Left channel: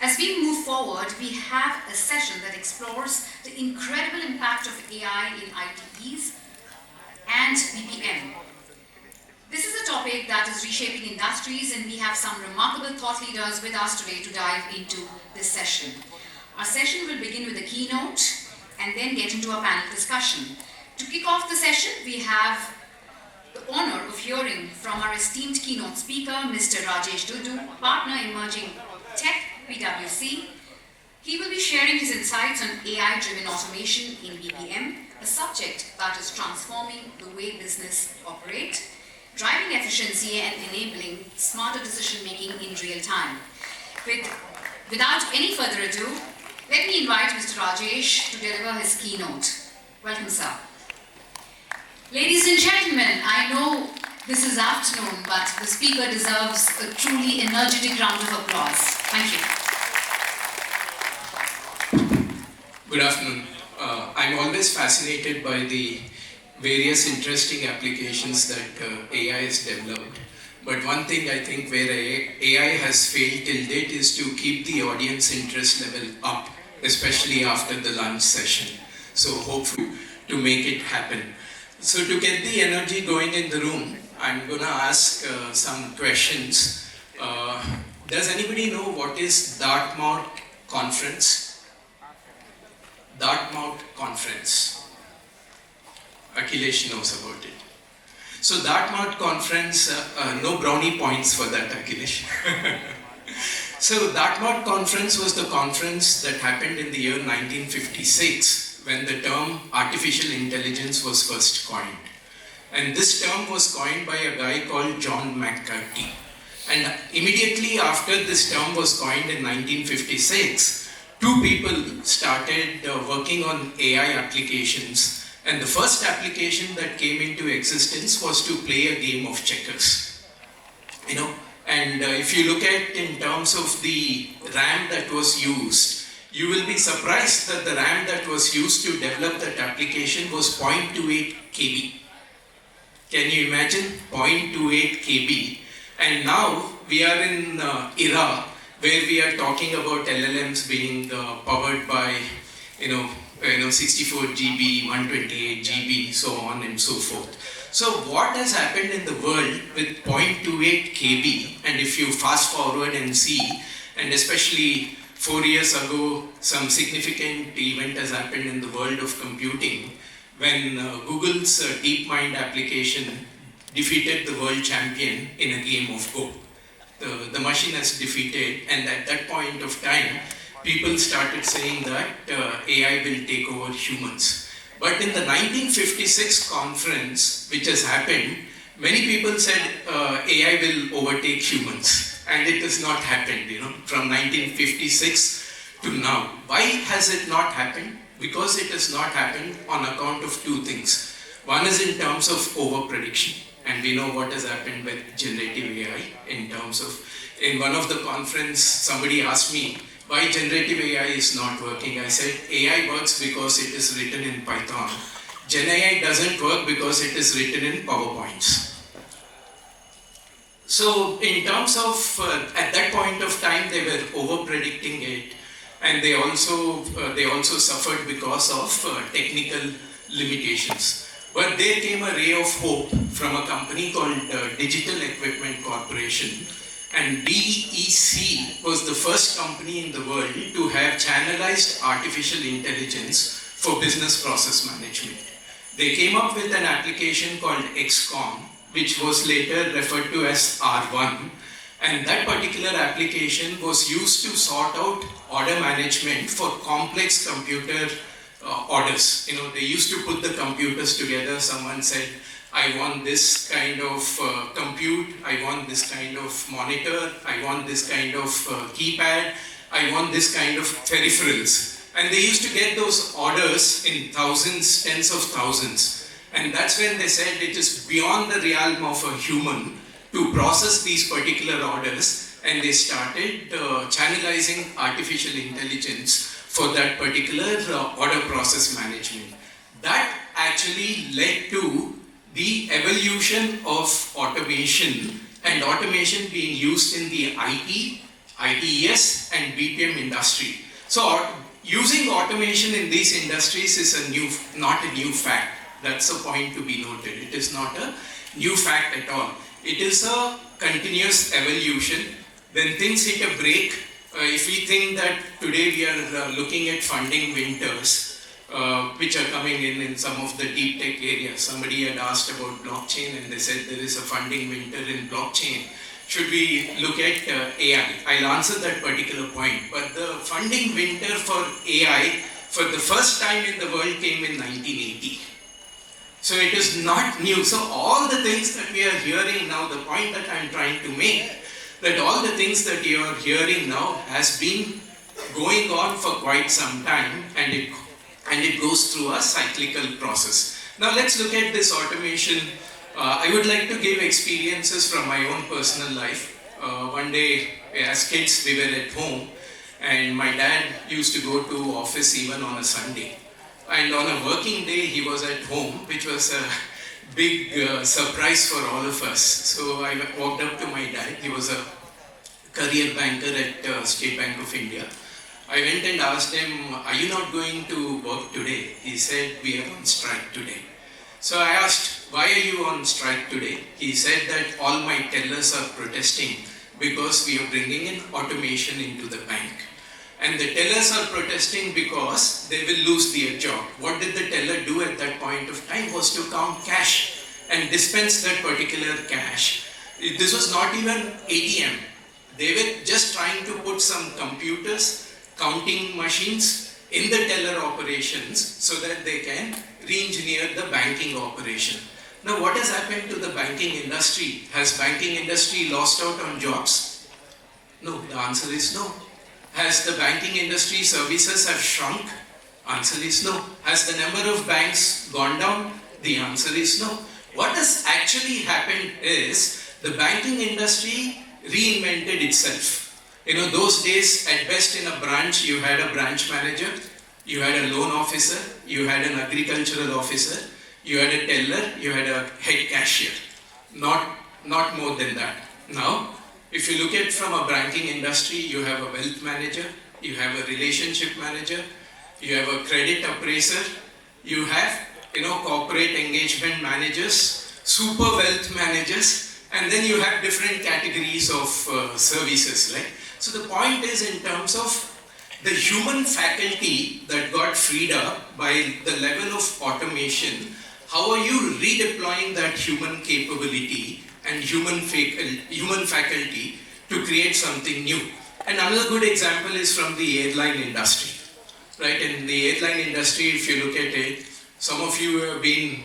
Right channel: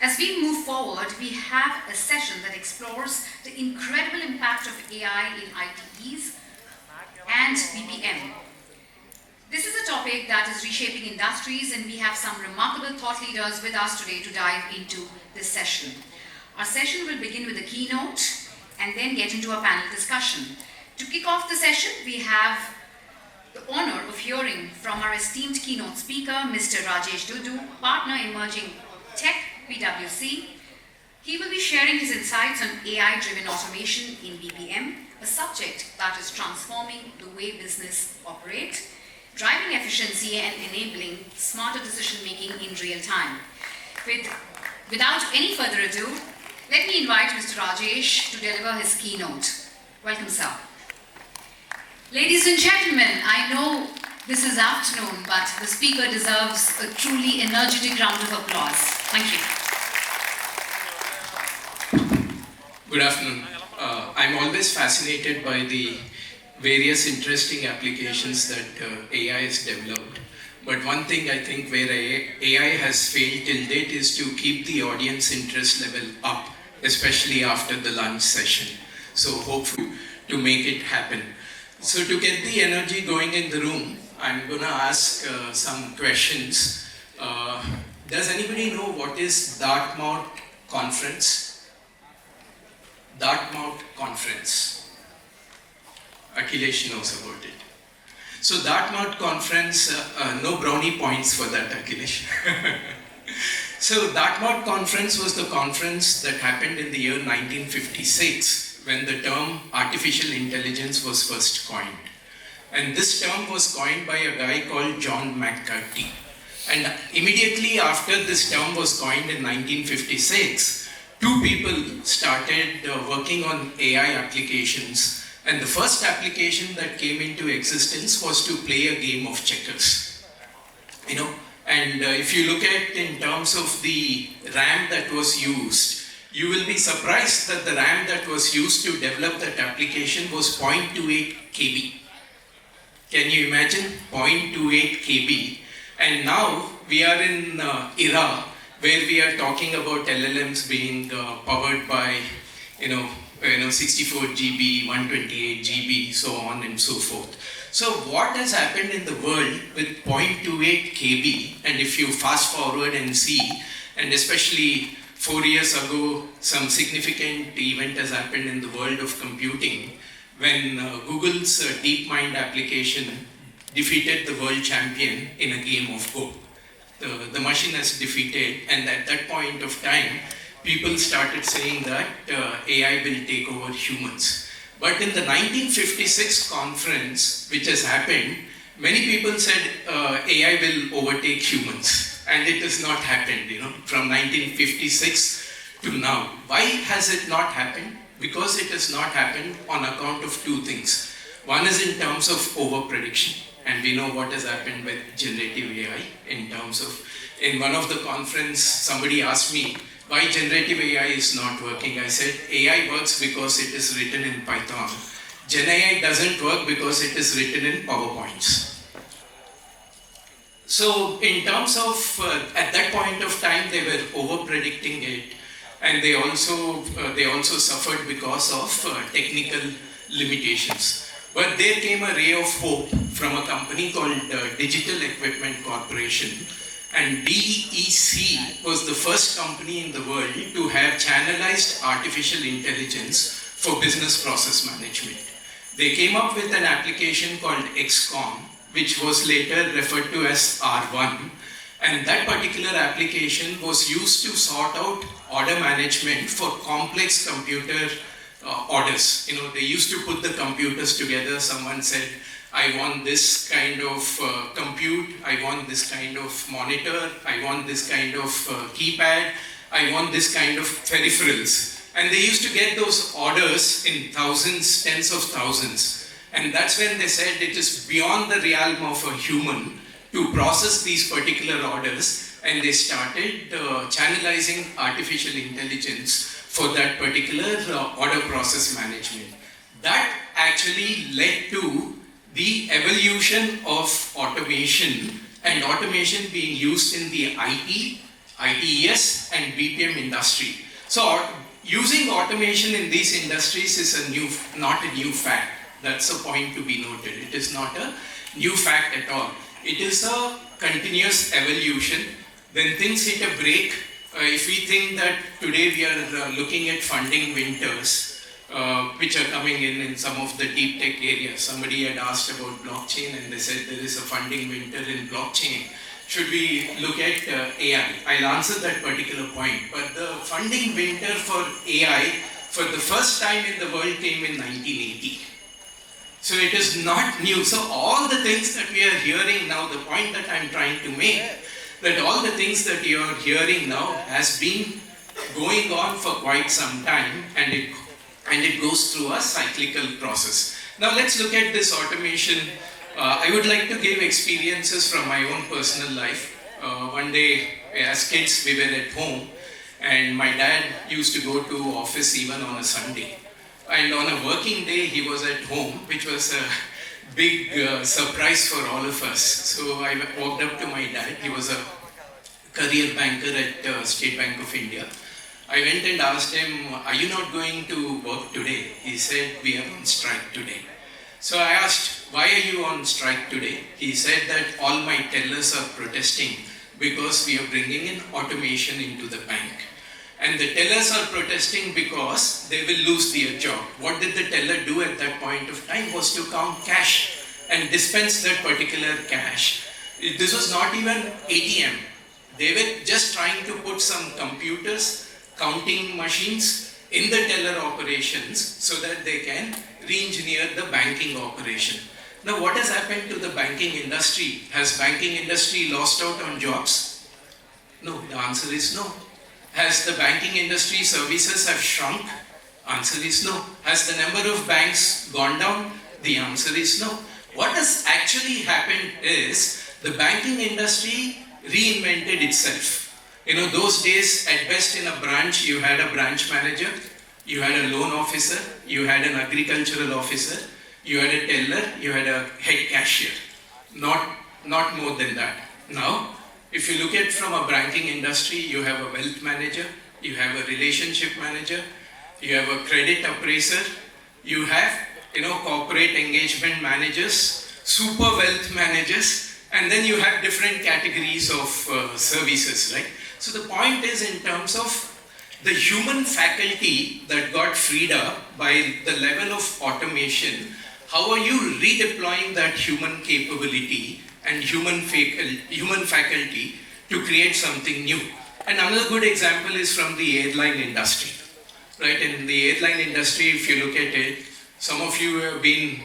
As we move forward, we have a session that explores the incredible impact of AI in ITEs and BPM. This is a topic that is reshaping industries, and we have some remarkable thought leaders with us today to dive into this session. Our session will begin with a keynote and then get into a panel discussion. To kick off the session, we have the honor of hearing from our esteemed keynote speaker, Mr. Rajesh Dhuddu, partner in Emerging Tech, PwC. He will be sharing his insights on AI-driven automation in BPM, a subject that is transforming the way business operates, driving efficiency and enabling smarter decision-making in real time. Without any further ado, let me invite Mr. Rajesh to deliver his keynote. Welcome, sir. Ladies and gentlemen, I know this is afternoon, but the speaker deserves a truly energetic round of applause. Thank you. Good afternoon. I'm always fascinated by the various interesting applications that AI has developed. But one thing I think where AI has failed till date is to keep the audience interest level up, especially after the lunch session. So hopefully to make it happen. So to get the energy going in the room, I'm going to ask some questions. Does anybody know what is Dartmouth Conference? Dartmouth Conference. Akhilesh knows about it. So Dartmouth Conference, no brownie points for that, Akhilesh. So Dartmouth Conference was the conference that happened in the year 1956 when the term artificial intelligence was first coined. And this term was coined by a guy called John McCarthy. And immediately after this term was coined in 1956, two people started working on AI applications. And the first application that came into existence was to play a game of checkers. And if you look at in terms of the RAM that was used, you will be surprised that the RAM that was used to develop that application was 0.28 KB. Can you imagine? 0.28 KB. And now we are in era where we are talking about LLMs being powered by 64 GB, 128 GB, so on and so forth. So what has happened in the world with 0.28 KB, and if you fast forward and see, and especially 4 years ago, some significant event has happened in the world of computing when Google's DeepMind application defeated the world champion in a game of Go. The machine has defeated, and at that point of time, people started saying that AI will take over humans. But in the 1956 conference, which has happened, many people said AI will overtake humans. And it has not happened, from 1956 to now. Why has it not happened? Because it has not happened on account of two things. One is in terms of over-prediction. And we know what has happened with generative AI in terms of, in one of the conference, somebody asked me, why generative AI is not working? I said, AI works because it is written in Python. Gen AI doesn't work because it is written in PowerPoints. So in terms of, at that point of time, they were over-predicting it, and they also suffered because of technical limitations. But there came a ray of hope from a company called Digital Equipment Corporation, and DEC was the first company in the world to have channelized artificial intelligence for business process management. They came up with an application called XCOM, which was later referred to as R1. And that particular application was used to sort out order management for complex computer orders. They used to put the computers together. Someone said, I want this kind of compute, I want this kind of monitor, I want this kind of keypad, I want this kind of peripherals. And they used to get those orders in thousands, tens of thousands. And that's when they said it is beyond the realm of a human to process these particular orders, and they started channelizing artificial intelligence for that particular order process management. That actually led to the evolution of automation, and automation being used in the IT ITES and BPM industry. So using automation in these industries is not a new fact. That's a point to be noted. It is not a new fact at all. It is a continuous evolution. When things hit a break, if we think that today we are looking at funding winters, which are coming in some of the deep tech areas. Somebody had asked about blockchain and they said there is a funding winter in blockchain. Should we look at AI? I'll answer that particular point. But the funding winter for AI for the first time in the world came in 1980. So it is not new. So all the things that we are hearing now, the point that I'm trying to make, that all the things that you are hearing now has been going on for quite some time, and it goes through a cyclical process. Now let's look at this automation. I would like to give experiences from my own personal life. One day, as kids, we were at home, and my dad used to go to office even on a Sunday. And on a working day, he was at home, which was a big surprise for all of us. So I walked up to my dad. He was a career banker at State Bank of India. I went and asked him, "Are you not going to work today?" He said, "We are on strike today." So I asked, "Why are you on strike today?" He said that all my tellers are protesting because we are bringing in automation into the bank. And the tellers are protesting because they will lose their job. What did the teller do at that point of time was to count cash and dispense that particular cash. This was not even ATM. They were just trying to put some computers, counting machines in the teller operations so that they can re-engineer the banking operation. Now what has happened to the banking industry? Has banking industry lost out on jobs? No, the answer is no. Has the banking industry services have shrunk? Answer is no. Has the number of banks gone down? The answer is no. What has actually happened is the banking industry reinvented itself. Those days, at best in a branch, you had a branch manager, you had a loan officer, you had an agricultural officer, you had a teller, you had a head cashier. Not more than that. Now, if you look at from a banking industry, you have a wealth manager, you have a relationship manager, you have a credit appraiser, you have corporate engagement managers, super wealth managers, and then you have different categories of services, right? So the point is in terms of the human faculty that got freed up by the level of automation, how are you redeploying that human capability and human faculty to create something new? And another good example is from the airline industry, right? In the airline industry, if you look at it, some of you have been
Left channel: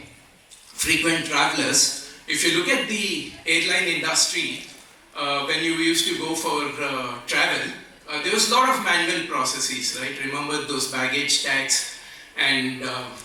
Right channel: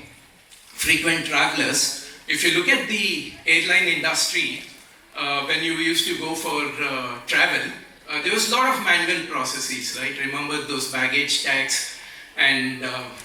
frequent travelers. If you look at the airline industry, when you used to go for travel, there was a lot of manual processes, right? Remember those baggage tags, and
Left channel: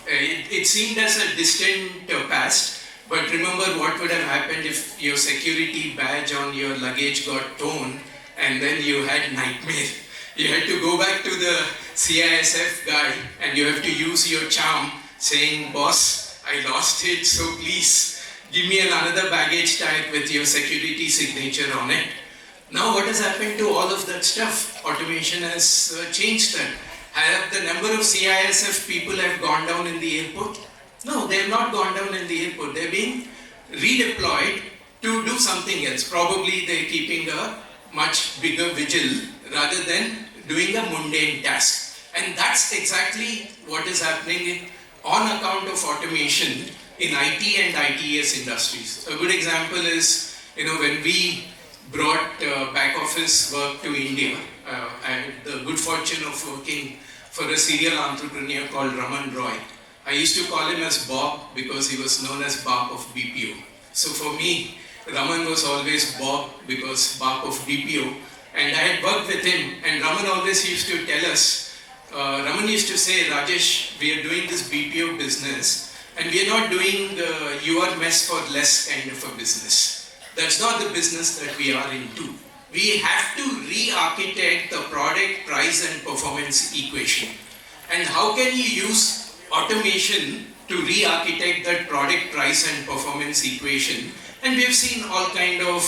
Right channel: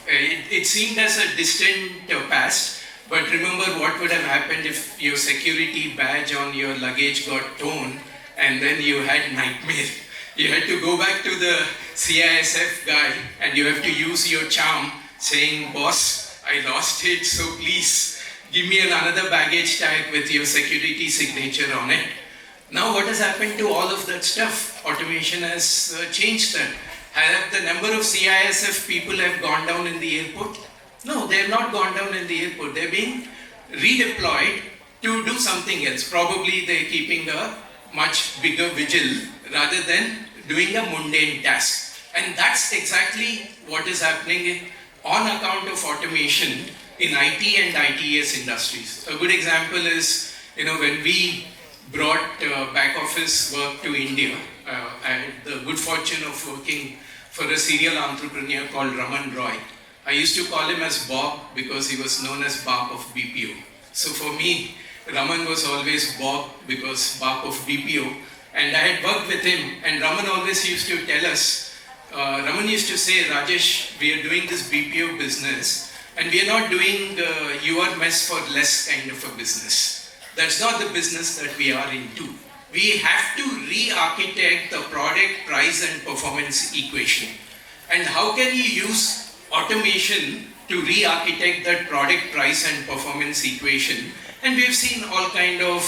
it seemed as a distant past. But remember what would have happened if your security badge on your luggage got torn and then you had nightmare. You had to go back to the CISF guy and you have to use your charm saying, "Boss, I lost it, so please give me another baggage tag with your security signature on it." Now what has happened to all of that stuff? Automation has changed that. Have the number of CISF people have gone down in the airport? No, they have not gone down in the airport. They're being redeployed to do something else. Probably they're keeping a much bigger vigil rather than doing a mundane task. And that's exactly what is happening on account of automation in IT and ITES industries. A good example is, when we brought back office work to India, I had the good fortune of working for a serial entrepreneur called Raman Roy. I used to call him as Bob because he was known as Bob of BPO. So for me, Raman was always Bob because Bob of BPO. And I had worked with him, and Raman always used to tell us, Raman used to say, "Rajesh, we are doing this BPO business, and we are not doing your mess for less kind of a business. That's not the business that we are into. We have to re-architect the product, price, and performance equation. And how can you use automation to re-architect that product, price, and performance equation?" And we've seen all kind of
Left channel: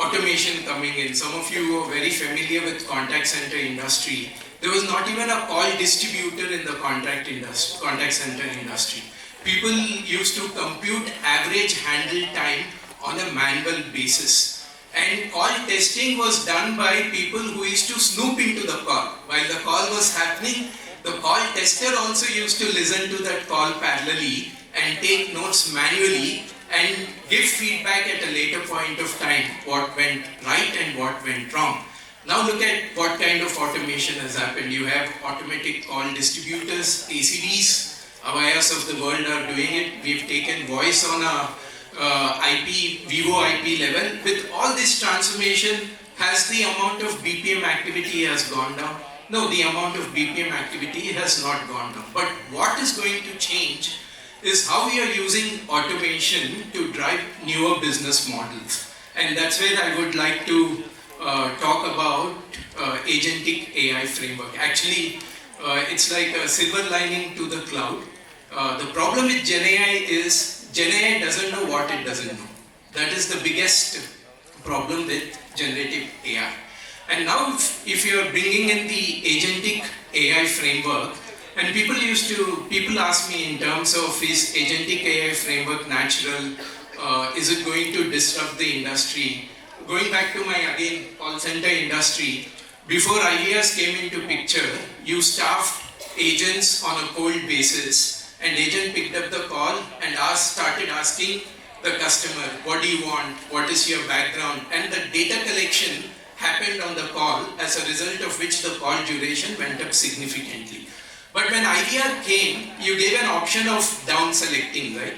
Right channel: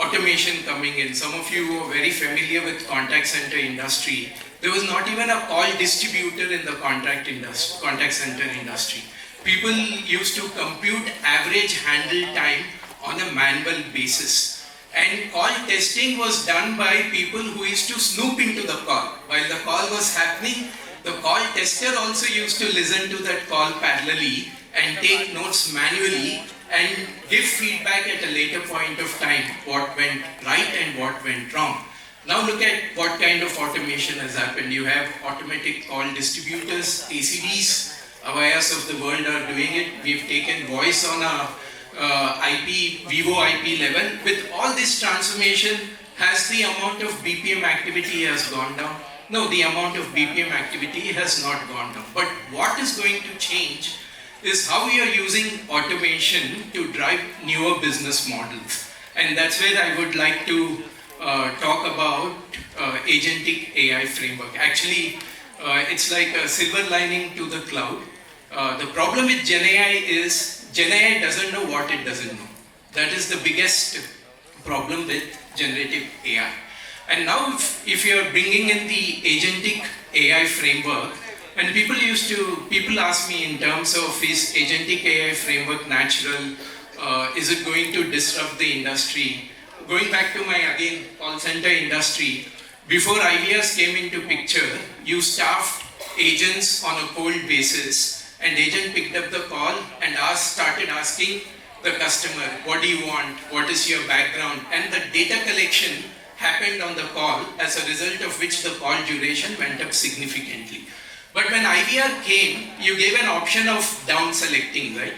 automation coming in. Some of you are very familiar with contact center industry. There was not even a call distributor in the contact center industry. People used to compute average handle time on a manual basis. And call testing was done by people who used to snoop into the call. While the call was happening, the call tester also used to listen to that call parallelly and take notes manually and give feedback at a later point of time what went right and what went wrong. Now look at what kind of automation has happened. You have automatic call distributors, ACDs, Avayas of the world are doing it. We've taken voice on a Vivo IP level. With all this transformation, has the amount of BPM activity has gone down? No, the amount of BPM activity has not gone down. But what is going to change is how we are using automation to drive newer business models. And that's where I would like to talk about agentic AI framework. Actually, it's like a silver lining to the cloud. The problem with Gen AI is Gen AI doesn't know what it doesn't know. That is the biggest problem with generative AI. And now if you're bringing in the agentic AI framework, and people ask me in terms of is agentic AI framework natural, is it going to disrupt the industry? Going back to my, again, call center industry, before ideas came into picture, you staffed agents on a cold basis, and agent picked up the call and started asking the customer, what do you want, what is your background, and the data collection happened on the call, as a result of which the call duration went up significantly. But when IVR came, you gave an option of down selecting, right?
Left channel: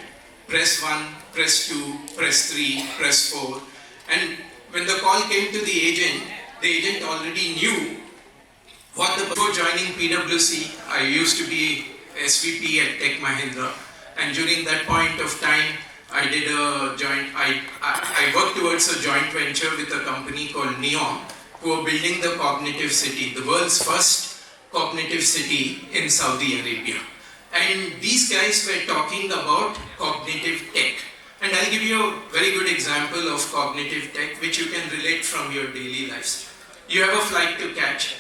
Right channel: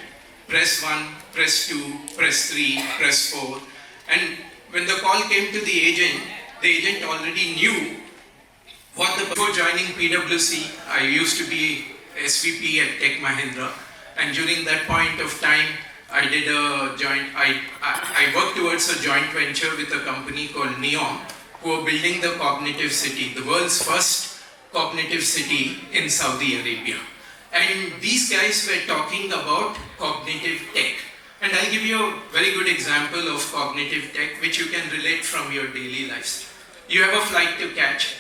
Press 1, press 2, press 3, press 4. And when the call came to the agent already knew what before joining PwC, I used to be SVP at Tech Mahindra. And during that point of time, I worked towards a joint venture with a company called Neon, who are building the cognitive city, the world's first cognitive city in Saudi Arabia. And these guys were talking about cognitive tech. And I'll give you a very good example of cognitive tech, which you can relate from your daily lives. You have a flight to catch,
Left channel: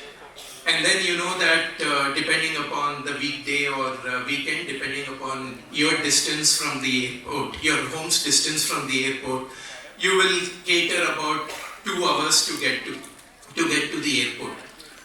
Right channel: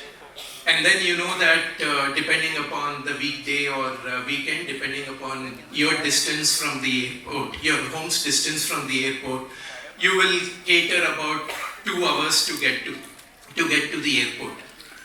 and then you know that depending upon the weekday or weekend, depending upon your distance from the airport, your home's distance from the airport, you will cater about 2 hours to get to the airport.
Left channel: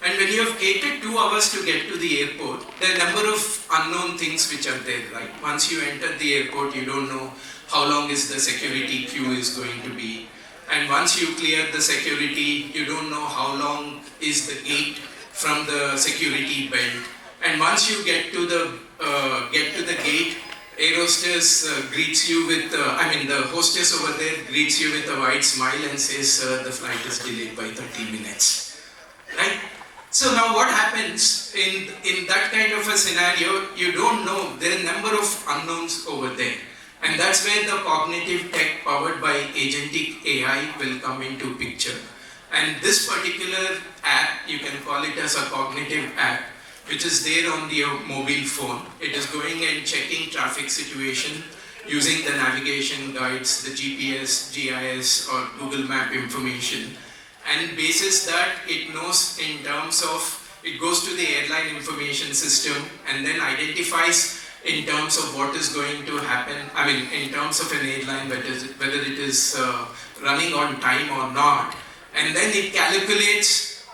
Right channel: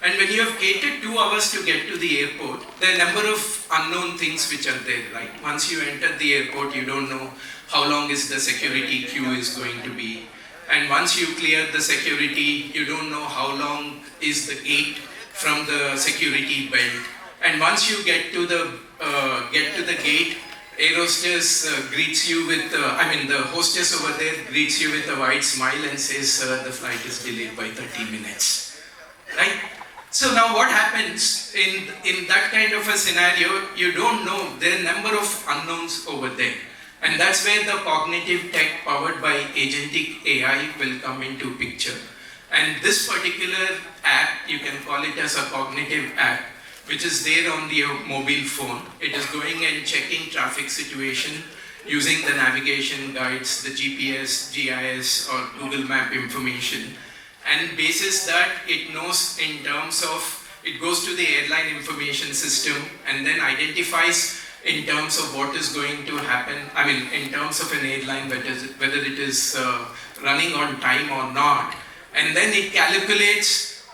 And when you have catered 2 hours to get to the airport, there are a number of unknown things which are there, right? Once you enter the airport, you don't know how long is the security queue is going to be. And once you clear the security, you don't know how long is the gate from the security belt. And once you get to the gate, air hostess greets you with, the hostess over there greets you with a wide smile and says, the flight is delayed by 30 minutes, right? So now what happens in that kind of a scenario, you don't know, there are a number of unknowns over there. And that's where the cognitive tech powered by agentic AI will come into picture. And this particular app, you can call it as a cognitive app, which is there on your mobile phone. It is going and checking traffic situation using the navigation guides, the GPS, GIS or Google Map information. And basis that, it knows in terms of, it goes to the airline information system and then identifies in terms of what is going to happen, in terms of an airline, whether it is running on time or not. And then it calculates,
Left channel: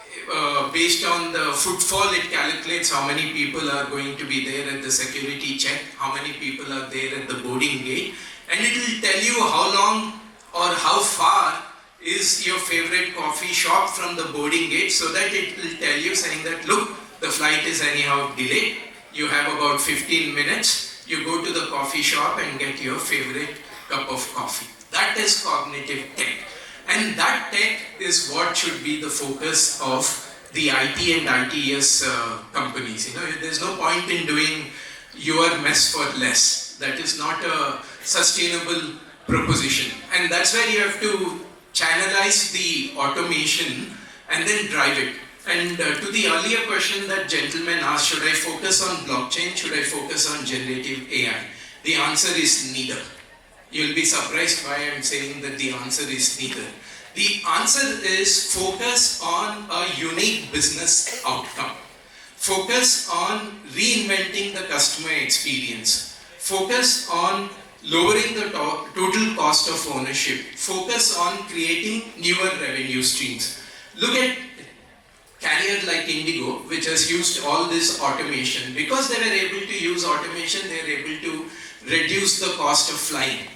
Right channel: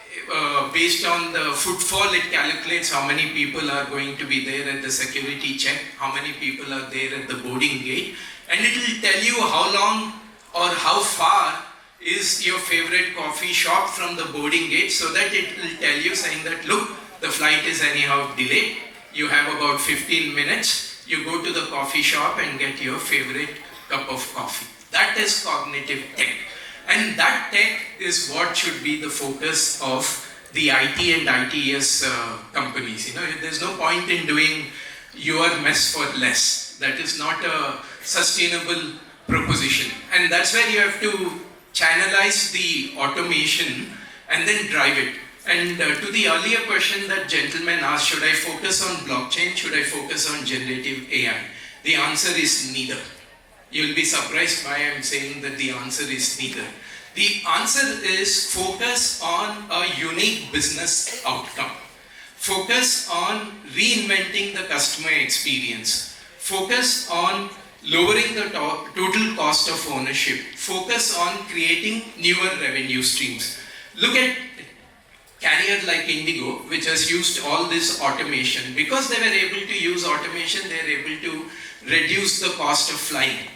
based on the footfall, it calculates how many people are going to be there at the security check, how many people are there at the boarding gate, and it will tell you how long or how far is your favorite coffee shop from the boarding gate, so that it will tell you saying that, look, the flight is anyhow delayed. You have about 15 minutes. You go to the coffee shop and get your favorite cup of coffee. That is cognitive tech. And that tech is what should be the focus of the IT and ITS companies. There's no point in doing your mess for less. That is not a sustainable proposition. And that's where you have to channelize the automation and then drive it. And to the earlier question that gentleman asked, should I focus on blockchain, should I focus on generative AI? The answer is neither. You'll be surprised why I'm saying that the answer is neither. The answer is focus on a unique business outcome. Focus on reinventing the customer experience. Focus on lowering the total cost of ownership. Focus on creating newer revenue streams. Look at carrier like Indigo, which has used all this automation. Because they were able to use automation, they were able to reduce the cost of flying.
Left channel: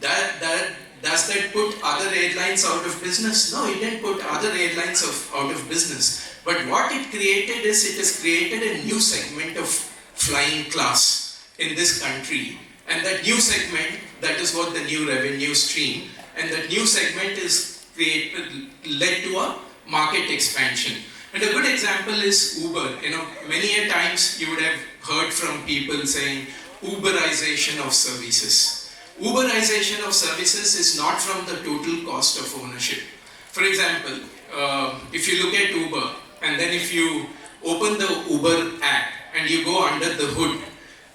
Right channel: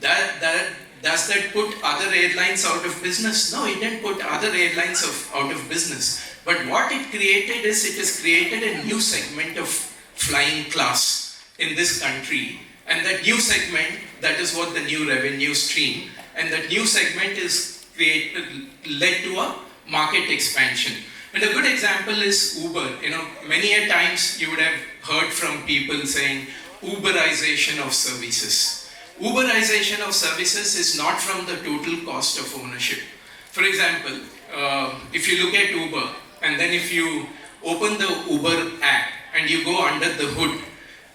Does that put other airlines out of business? No, it didn't put other airlines out of business. But what it created is, it has created a new segment of flying class in this country. And that new segment, that is what the new revenue stream, and that new segment is led to a market expansion. And a good example is Uber. Many a times you would have heard from people saying Uberization of services. Uberization of services is not from the total cost of ownership. For example, if you look at Uber, and then if you open the Uber app and you go under the hood,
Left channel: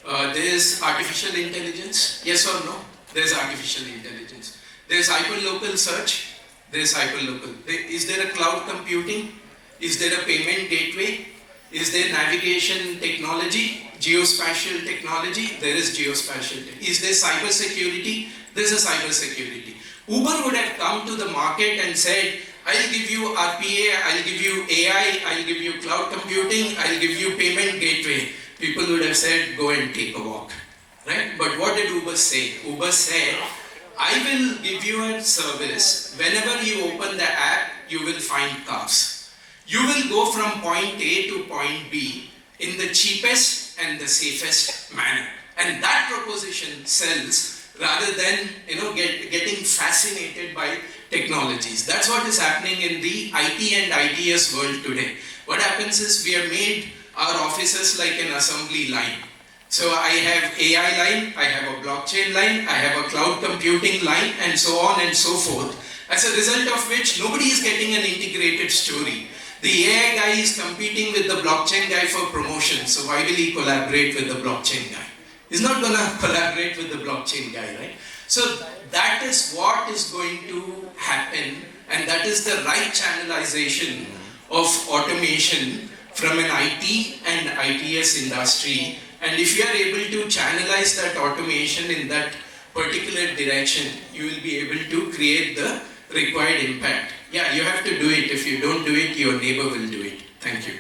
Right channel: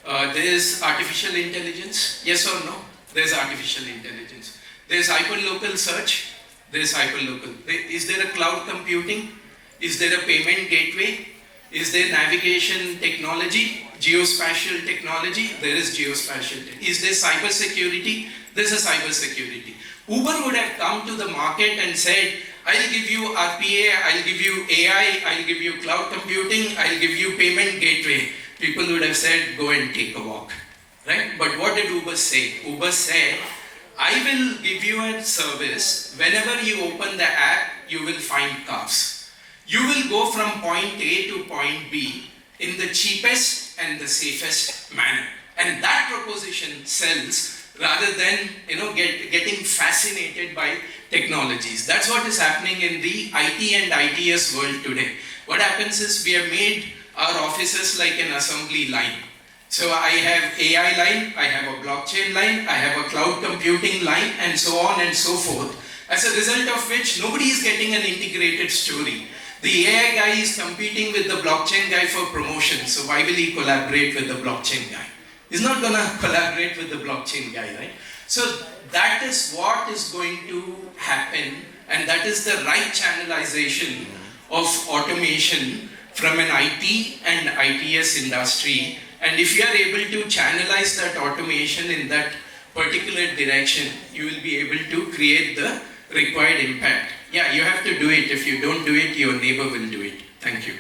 there is artificial intelligence, yes or no? There's artificial intelligence. There's hyperlocal search, there's hyperlocal. Is there a cloud computing? Is there a payment gateway? Is there navigation technology, geospatial technology? There is geospatial. Is there cyber security? There's a cyber security. Uber would have come to the market and said, I'll give you RPA, I'll give you AI, I'll give you cloud computing, I'll give you payment gateway. People would have said, go and take a walk, right? But what did Uber say? Uber said, I will give you a service. Whenever you open the app, you will find cars. You will go from point A to point B in the cheapest and the safest manner. And that proposition sells rather than getting fascinated by technologies. That's what is happening in the IT and ITS world today. What happens is we have made our offices like an assembly line. So I have AI line, I have a blockchain line, I have a cloud computing line, and so on and so forth. As a result of which, nobody is getting an integrated story. The AI guy is competing with the blockchain guy for promotion, so why will he collaborate with the blockchain guy? He's not going to collaborate with the blockchain guy, right? So that is what is going to happen, and that is the right channelization of automation from an IT and ITS industry. And if you are able to channelize that automation in that particular direction, you will be able to create the required impact. Yeah, you have to do it. If you don't do it, your neighbor will do it. Thank you.